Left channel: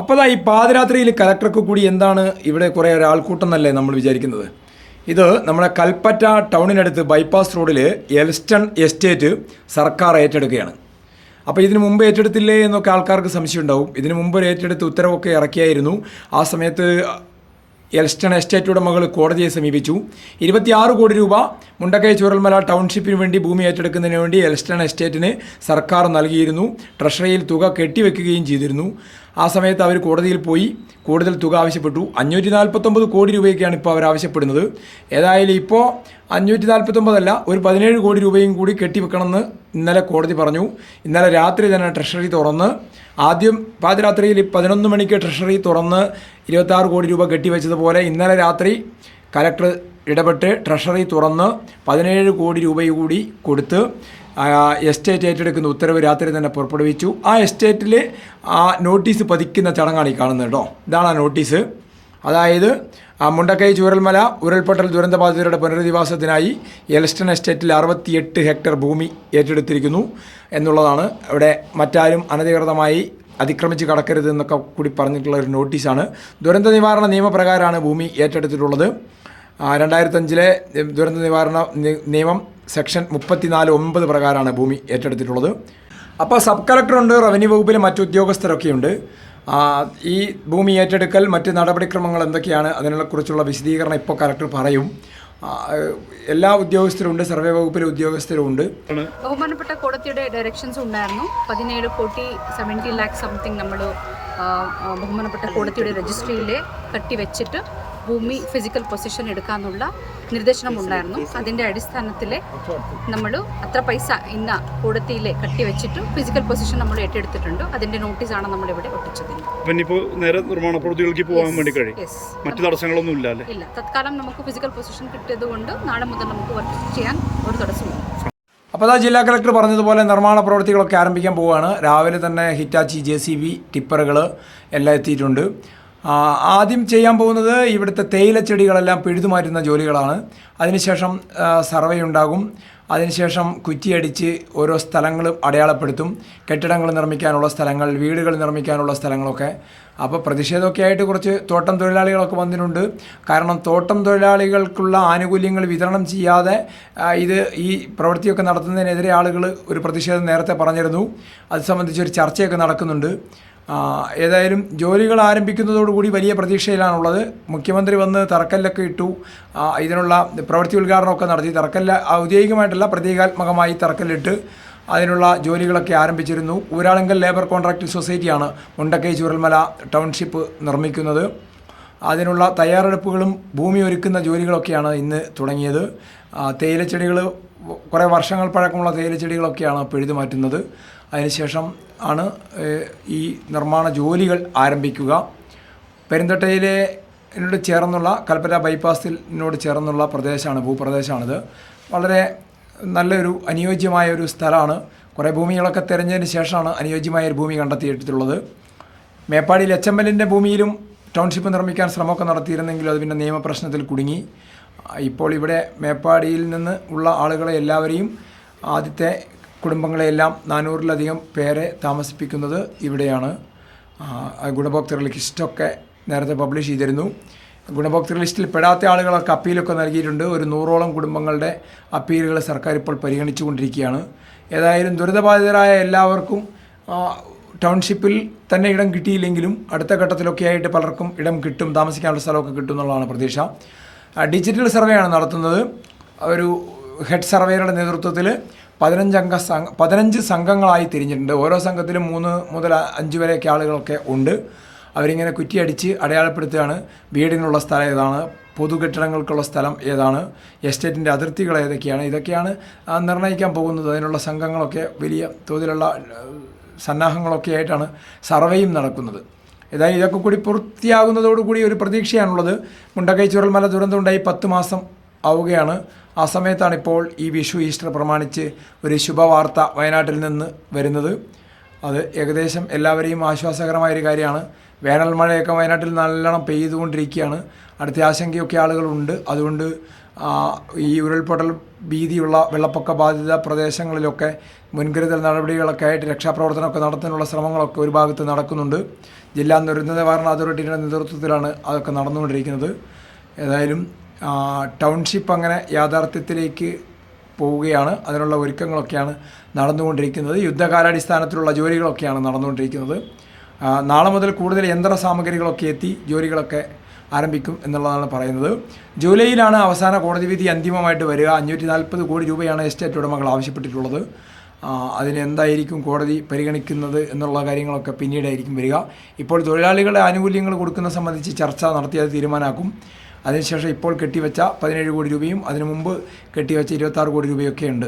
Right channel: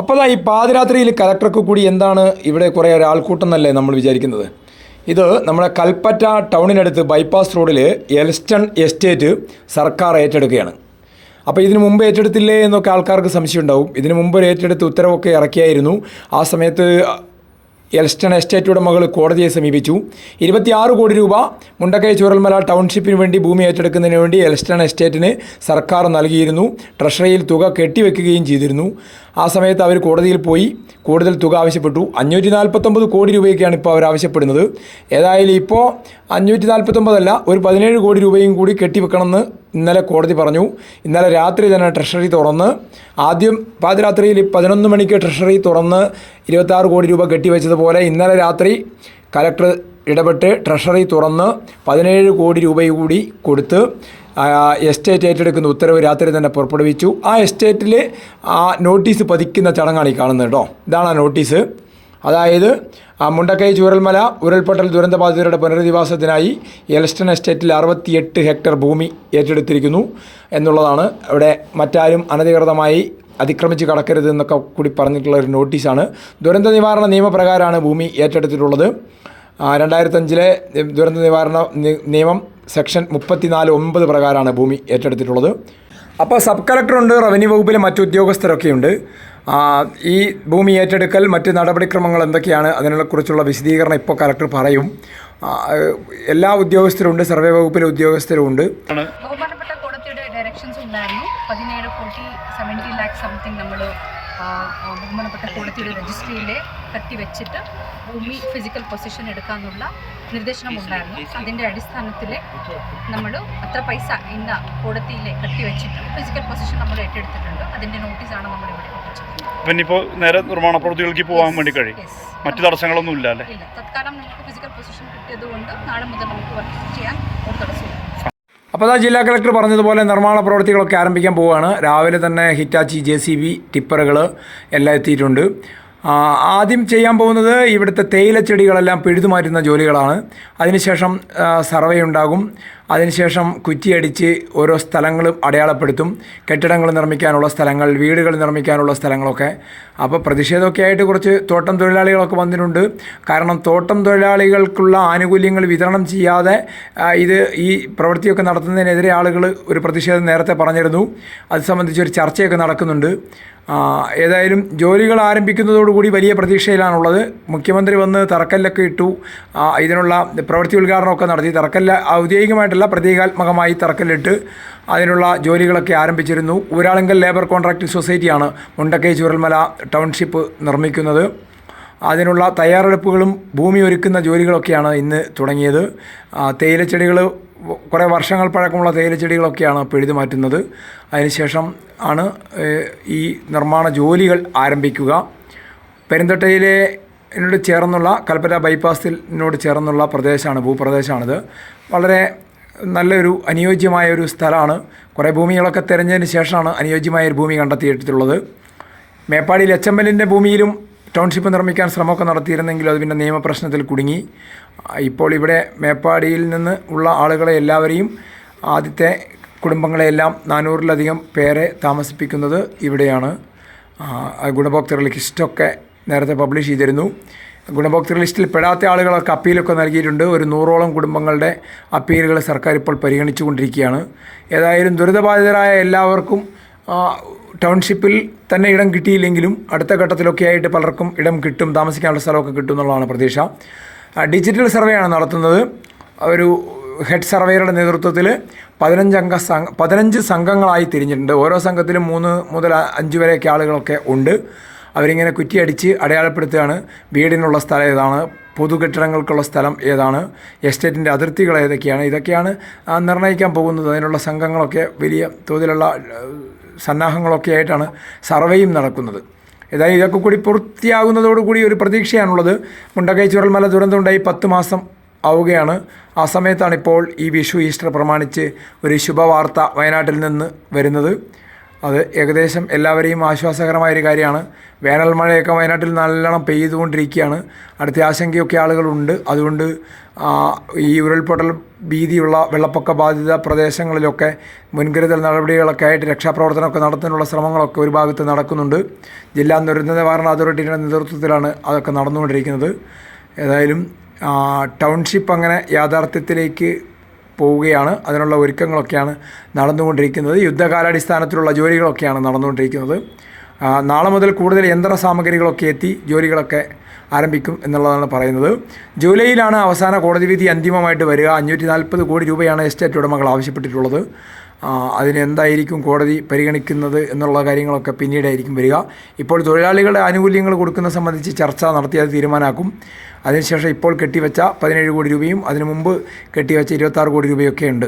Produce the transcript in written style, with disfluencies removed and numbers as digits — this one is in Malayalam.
അപ്പോൾ ഈ പാതിരാത്രിയിൽ കലക്ടർക്ക് കൂടി എന്താണ് ഇവിടെ കുറേ ഒരാൾക്കൂട്ടം എന്നല്ലേ നമ്മൾ വിചാരിക്കുന്നത്. ഇത് നമ്മുടെ കൽപ്പറ്റ ടൗണിനടുത്ത് ബൈപ്പാസ് റോഡിൽ എൽസ്റ്റൺ എസ്റ്റേറ്റ് സർക്കാർ ഏറ്റെടുക്കുകയാണ്. അപ്പോൾ ഇതിനു മുമ്പ് ഏറ്റെടുത്തില്ലേ എന്നൊക്കെ ആൾക്കാർക്ക് സംശയം ഉണ്ടാവും. ഇതിനു മുമ്പ് ഒരു ഏറ്റെടുത്ത് ഉത്തരവൊക്കെ ഇറക്കിയായിരുന്നു. ആ സമയത്ത് എൽസ്റ്റൺ എസ്റ്റേറ്റ് മകൾ കോടതിയെ സമീപിച്ചു. 26 കോടി രൂപ മുണ്ടക്കൈ ചൂരൽമല ടൗൺഷിപ്പിന് വേണ്ടി ഭൂമി ഏറ്റെടുക്കുന്നതിന് വേണ്ടി എൽസ്റ്റൺ എസ്റ്റേറ്റിന് സർക്കാർ നൽകിയിരുന്നു. ട്രഷറിയിൽ തുക കെട്ടിവെക്കുകയും ചെയ്തിരുന്നു. ആ സമയത്ത് അവർ കോടതിയിൽ പോയി കൂടുതൽ തുക ആവശ്യപ്പെട്ടു. 549 കോടി രൂപയൊക്കെയാണ് ഇപ്പോൾ അവർ ആവശ്യപ്പെടുന്നത്. ഏതായാലും ഇപ്പോൾ 549 അല്ല, ഒരു 17 കോടി രൂപയും കൂടി കെട്ടിവെക്കണമെന്ന് ഇന്നലെ കോടതി പറഞ്ഞു. ഇന്നലെ രാത്രി തന്നെ ട്രഷറി തുറന്ന്, ആദ്യം പാതിരാത്രിയിൽ 11 മണിക്ക് ട്രഷറി തുറന്ന് 26 കോടി രൂപ കെട്ടിവെച്ചതുപോലെ ഇന്നലെ രാത്രി കലക്ടർ ഇടപെട്ട് ട്രഷറി തുറന്ന് 17 കോടി രൂപ കൂടി കൊടുത്ത് എസ്റ്റേറ്റ് ഏറ്റെടുക്കുന്ന ഉത്തരവ് രാത്രി തന്നെ പുറപ്പെടുവിച്ചു. ആ എസ്റ്റേറ്റിൽ ആ നോട്ടീസ് പതിക്കുന്ന ചടങ്ങാണ് ഈ കാണുന്നത് കേട്ടോ. ഇതാണ് ആ നോട്ടീസ്. അതായത് മുണ്ടക്കൈ ചൂരൽമല ഉരുൾപൊട്ടൽ ദുരന്തബാധിതരുടെ പുനരധിവാസത്തിനായി എൽസ്റ്റൺ എസ്റ്റേറ്റിൽ 68 ഹെക്ടർ ഭൂമി ഏറ്റെടുത്തിരിക്കുന്നു എന്നുള്ളതാണ്. ഇവിടെ മറ്റാരും അനധികൃതമായി അതിക്രമിച്ച് കടക്കരുത് എന്നൊക്കെ കൂടി പറഞ്ഞിട്ടുള്ള ഒരു നോട്ടീസാണ്. ദുരന്ത നിവാരണ നിയമപ്രകാരമാണ് ഭൂമി ഏറ്റെടുത്തിട്ടുള്ളത്. 2005 ദുരന്ത നിവാരണ നിയമം സെക്ഷൻ 34(9) പ്രകാരമാണ് ഭൂമി ഏറ്റെടുത്തിട്ടുള്ളത്. അപ്പോൾ സബ് കളക്ടറുണ്ട്, റവന്യൂ വകുപ്പിലെ മറ്റു ഉദ്യോഗസ്ഥരൊക്കെയുണ്ട്. ഈ ഭൂമി ഏറ്റെടുക്കൽ മറ്റ് നടപടിക്രമങ്ങൾ എന്തൊക്കെയാണ് അതിനെക്കുറിച്ചുള്ള വിശദീകരണം ഇപ്പോൾ കളക്ടർ പറയും. എല്ലാ ഉദ്യോഗസ്ഥരുണ്ട്, സർവേ വകുപ്പിലെ ഉദ്യോഗസ്ഥരുണ്ട്. ബഹുമാനപ്പെട്ട കോടതിയുടെ ഡയറക്ഷൻസ് ഉണ്ടായിരുന്നു. 17 കോടി 70 ലാക്ക് സംതിങ് നമ്മൾ ബഹുമാനപ്പെട്ട കോടതിയുടെ രജിസ്ട്രിയിൽ കട്ടിവെച്ചിട്ട് ഭൂമി ഫിസിക്കൽ പൊസിഷൻ എടുക്കാനുള്ള നിർദ്ദേശനം ഉണ്ടായിരുന്നു. അതിൻ്റെ അടിസ്ഥാനത്തിൽ നമ്മൾ അത്ര പൈസ ഇന്ന കോടതിയിൽ കട്ടിവെച്ചിട്ട് ഫിസിക്കൽ പൊസിഷൻ നമ്മൾ ഏറ്റെടുത്തിട്ടുണ്ട്. അതിൻ്റെ നോട്ടീസാണ് നമ്മളിവിടെ ഒട്ടിച്ചിരിക്കുന്നത്. പിന്നെ ഇപ്പോൾ നേരെ നിർമ്മാണ പ്രവൃത്തികൾക്ക് പോകാൻ വേണ്ടി കഴിയും, മറ്റു തടസ്സങ്ങളൊന്നും ഇല്ല അല്ലേ? ഇല്ല, തത്കാലം നമുക്ക് ഫിസിക്കൽ പൊസിഷൻ കിട്ടിയതുകൊണ്ട് നാളെ മുതൽ നമുക്ക് വർക്ക് ചെയ്യാൻ ഒരു തടസ്സമില്ല. അപ്പോൾ ജില്ലാ കളക്ടർ പറഞ്ഞതുപോലെ നിർമ്മാണ പ്രവൃത്തികളൊക്കെ ആരംഭിക്കാൻ പോവുകയാണ്. രാവിലെ തന്നെ ഹിറ്റാച്ചി, JCB, ടിപ്പറുകൾ എല്ലാം എത്തിയിട്ടുണ്ട്. ആദ്യം ചെയ്യാൻ പോകുന്നത് ഇവിടുത്തെ തേയിലച്ചെടികളെല്ലാം പിഴുതുമാറ്റുന്ന ജോലികളാണ്. അതിനുശേഷം സർവേ ഉണ്ടാകും. അതിനുശേഷം കുറ്റിയടിച്ച് ഓരോ സ്ഥലങ്ങളും അടയാളപ്പെടുത്തും. കെട്ടിടങ്ങൾ നിർമ്മിക്കാനുള്ള സ്ഥലങ്ങൾ, വീടുകൾ നിർമ്മിക്കാനുള്ള സ്ഥലങ്ങളൊക്കെ. അപ്പോൾ പ്രതിഷേധമൊക്കെ ആയിട്ട് കുറച്ച് തോട്ടം തൊഴിലാളികളൊക്കെ വന്നിട്ടുണ്ട്. കാരണം തോട്ടം തൊഴിലാളികൾക്കുള്ള ആനുകൂല്യങ്ങൾ വിതരണം ചെയ്യാതെ ഈ പ്രവൃത്തിയൊക്കെ നടത്തുന്നതിനെതിരെ ആളുകൾ ഒരു പ്രതിഷേധം നേരത്തെ പറഞ്ഞിരുന്നു. അത് സംബന്ധിച്ചൊരു ചർച്ചയൊക്കെ നടക്കുന്നുണ്ട്. ഏതായാലും ജോലികൾ ആരംഭിക്കുന്നതോടുകൂടി വലിയ പ്രതീക്ഷയിലാണുള്ളത്. മുഖ്യമന്ത്രി വന്ന് തറക്കല്ലൊക്കെ ഇട്ടു. ഇതിനുള്ള പ്രവൃത്തി ഉദ്ഘാടനമൊക്കെ നടത്തി. തറക്കല്ല് ഔദ്യോഗികമായിട്ടല്ല, പ്രതീകാത്മകമായി തറക്കല്ലിട്ട് അതിനുള്ള ജോലികളൊക്കെ ആരംഭിച്ചിരുന്നു. ഊരാളുങ്കൽ ലേബർ കോൺട്രാക്റ്റിംഗ് സൊസൈറ്റിയാണ് മുണ്ടക്കൈ ചൂരൽമല ടൗൺഷിപ്പ് നിർമ്മിക്കുന്നത്. അതിനുള്ള തയ്യാറെടുപ്പുകളും ഭൂമി ഒരുക്കുന്ന ജോലികളൊക്കെയാണ് ഇന്ന് തുടങ്ങിയത്. തേയിലച്ചെടികൾ, കുറേ വർഷങ്ങൾ പഴക്കമുള്ള തേയിലച്ചെടികളൊക്കെയാണ് പിഴുതു മാറ്റുന്നത്. അതിനുശേഷം ആണ് ഈ നിർമ്മാണ ജോലികൾ ആരംഭിക്കുക. പെരുന്തട്ടയിലോട് ചേർന്നുള്ള കൽപ്പറ്റ ബൈപ്പാസിനോട് ചേർന്നുള്ള പ്രദേശമാണ്, ഭൂപ്രദേശമാണിത്. വളരെ നല്ലൊരു അനുയോജ്യമായ ഒരു സ്ഥലമാണ്. കുറേ ഭൂമികളൊക്കെ തിരഞ്ഞതിന് ശേഷമാണ് അനുയോജ്യമായ ഒരു ഭൂമി കണ്ടെത്തിയിട്ടുള്ളത്. മേപ്പാടിയിൽ HMLൻ്റെ ഭൂമിയിലും ടൗൺഷിപ്പ് നിർമ്മിക്കാൻ ശ്രമമൊക്കെ നടത്തിയിരുന്നെങ്കിലും അത് പിന്നെ നിയമപ്രശ്നത്തിൽ കുടുങ്ങി. ഇപ്പോൾ ഇവിടെ മേപ്പാടിയിൽ നിന്ന് ഉള്ള ആളുകളെ എല്ലാവരെയും, ആദ്യത്തെ കുടുംബങ്ങളെയെല്ലാം 400-ലധികം പേരെ താമസിപ്പിക്കുന്നത് ഇവിടെയാണ്. ഗുണഭോക്തൃ ലിസ്റ്റൊക്കെ നേരത്തെ പബ്ലിഷ് ചെയ്തിരുന്നു. ഗുണഭോക്തൃ ലിസ്റ്റിൽ പെടാത്ത ആളുകളൊക്കെ അപ്പീലൊക്കെ നൽകിയിട്ടുണ്ട്. ഒരു 100ഓളം കുടുംബങ്ങളുടെ അപ്പീലുകൾ സർക്കാർ ഇപ്പോൾ പരിഗണിച്ചു കൊണ്ടിരിക്കുകയാണ്. ഏതായാലും ദുരിതബാധിതരായ എല്ലാവർക്കും ടൗൺഷിപ്പിൽ തന്നെ ഇടം കിട്ടിയില്ലെങ്കിലും അടുത്ത ഘട്ടത്തിലൊക്കെ ആയിട്ട് പലർക്കും ഇടം കിട്ടും, താമസിക്കാനുള്ള സ്ഥലമൊക്കെ കിട്ടും എന്നുള്ളതാണ് പ്രതീക്ഷ. ഡിജിറ്റൽ സർവേയാണ് നടത്തുന്നത്. ഒരു ഹെഡ് സർവേയുടെ നേതൃത്വത്തിൽ 15 സംഘങ്ങളായി തിരിഞ്ഞിട്ടുണ്ട്. ഓരോ സംഘത്തിലും 3 മുതൽ 5 വരെയൊക്കെ ആളുകളൊക്കെ ഉണ്ട്. അവരിങ്ങനെ കുറ്റിയടിച്ച് അടയാളപ്പെടുത്തുകയാണ്. വീടിനുള്ള സ്ഥലം ഏതാണ്, പൊതുകെട്ടിടങ്ങൾക്കുള്ള സ്ഥലം ഏതാണ്, എസ്റ്റേറ്റിൻ്റെ അതിർത്തികൾ ഏതൊക്കെയാണ്, ഇതൊക്കെയാണ് നിർണ്ണയിക്കാൻ പോകുന്നത്. അതിനുള്ള സംഘങ്ങളൊക്കെ വലിയ തോതിലുള്ള സന്നാഹങ്ങളൊക്കെ ആയിട്ടാണ് സർവേയും നടക്കുന്നത്. ഏതായാലും ഇതൊക്കെ കൂടി പൂർത്തിയാകുന്നതോടുകൂടി ഒരു പ്രതീക്ഷയാണുള്ളത്. മുണ്ടക്കൈ ചൂരൽമല ദുരന്തമുണ്ടായി 10 മാസം ആവുകയാണ്. ആ സമയത്താണിപ്പോൾ ഈ വിഷു, ഈസ്റ്റർ പ്രമാണിച്ച് ഒരു ശുഭവാർത്ത വയനാട്ടിൽ നിന്ന് വരുന്നത്. അത് ഏകദേശം എല്ലാവരെയും ആശ്വാസകരമായൊരു കാര്യമാണ്. വേനൽ മഴയൊക്കെ വയനാട്ടിൽ നല്ലോണം പെയ്തുകൊണ്ടിരിക്കുകയാണ്. അടുത്ത ആശങ്കയൊക്കെ ആളുകളുണ്ട്. അതുകൊണ്ട് ഈ ഉരുൾപൊട്ടൽ ഭീതിയുള്ള വെള്ളപ്പൊക്ക ബാധിത പ്രദേശങ്ങളിലൊക്കെ മുൻകരുതൽ നടപടികളൊക്കെ ആയിട്ട് രക്ഷാപ്രവർത്തനമൊക്കെ നടത്താനുള്ള ശ്രമങ്ങളൊക്കെ ഒരു ഭാഗത്ത് നടക്കുന്നുണ്ട്. ജില്ലാ ദുരന്ത നിവാരണ അതോറിറ്റിയുടെ നേതൃത്വത്തിലാണ് അതൊക്കെ നടന്നുകൊണ്ടിരിക്കുന്നത്. ഏതായാലും ടൗൺഷിപ്പ് അങ്ങനെ യാഥാർത്ഥ്യത്തിലേക്ക് പോവുകയാണ്. അതിനുള്ള ഒരുക്കങ്ങളൊക്കെയാണ് നടന്നുകൊണ്ടിരിക്കുന്നത്. യുദ്ധകാലാടിസ്ഥാനത്തിലുള്ള ജോലികളൊക്കെയാണ് നടന്നുകൊണ്ടിരിക്കുന്നത്. നാളെ മുതൽ കൂടുതൽ യന്ത്ര സാമഗ്രികളൊക്കെ എത്തി ജോലികളൊക്കെ ആരംഭിക്കും എന്നുള്ളതാണ് പറയുന്നത്. ജൂലൈയിലാണ് അവസാന കോടതി വിധി അന്തിമമായിട്ട് വരിക. 540 കോടി രൂപയാണ് എസ്റ്റേറ്റ് ഉടമകൾ ആവശ്യപ്പെട്ടിട്ടുള്ളത്. അതിനെന്തായിരിക്കും കോടതി പരിഗണിക്കുന്നത് എന്നുള്ള കാര്യങ്ങളൊക്കെ പിന്നീടായിരിക്കും വരിക. ഇപ്പോൾ തൊഴിലാളികളുടെ ആനുകൂല്യങ്ങൾ കൊടുക്കുന്നത് സംബന്ധിച്ച് ചർച്ച നടത്തി അത് തീരുമാനമാക്കും. അതിനുശേഷം ഇപ്പോൾ കെട്ടിവെച്ച 17 കോടി രൂപയും അതിനു മുമ്പ് കെട്ടിവെച്ച 26 കോടി രൂപയൊക്കെ ഉണ്ട്.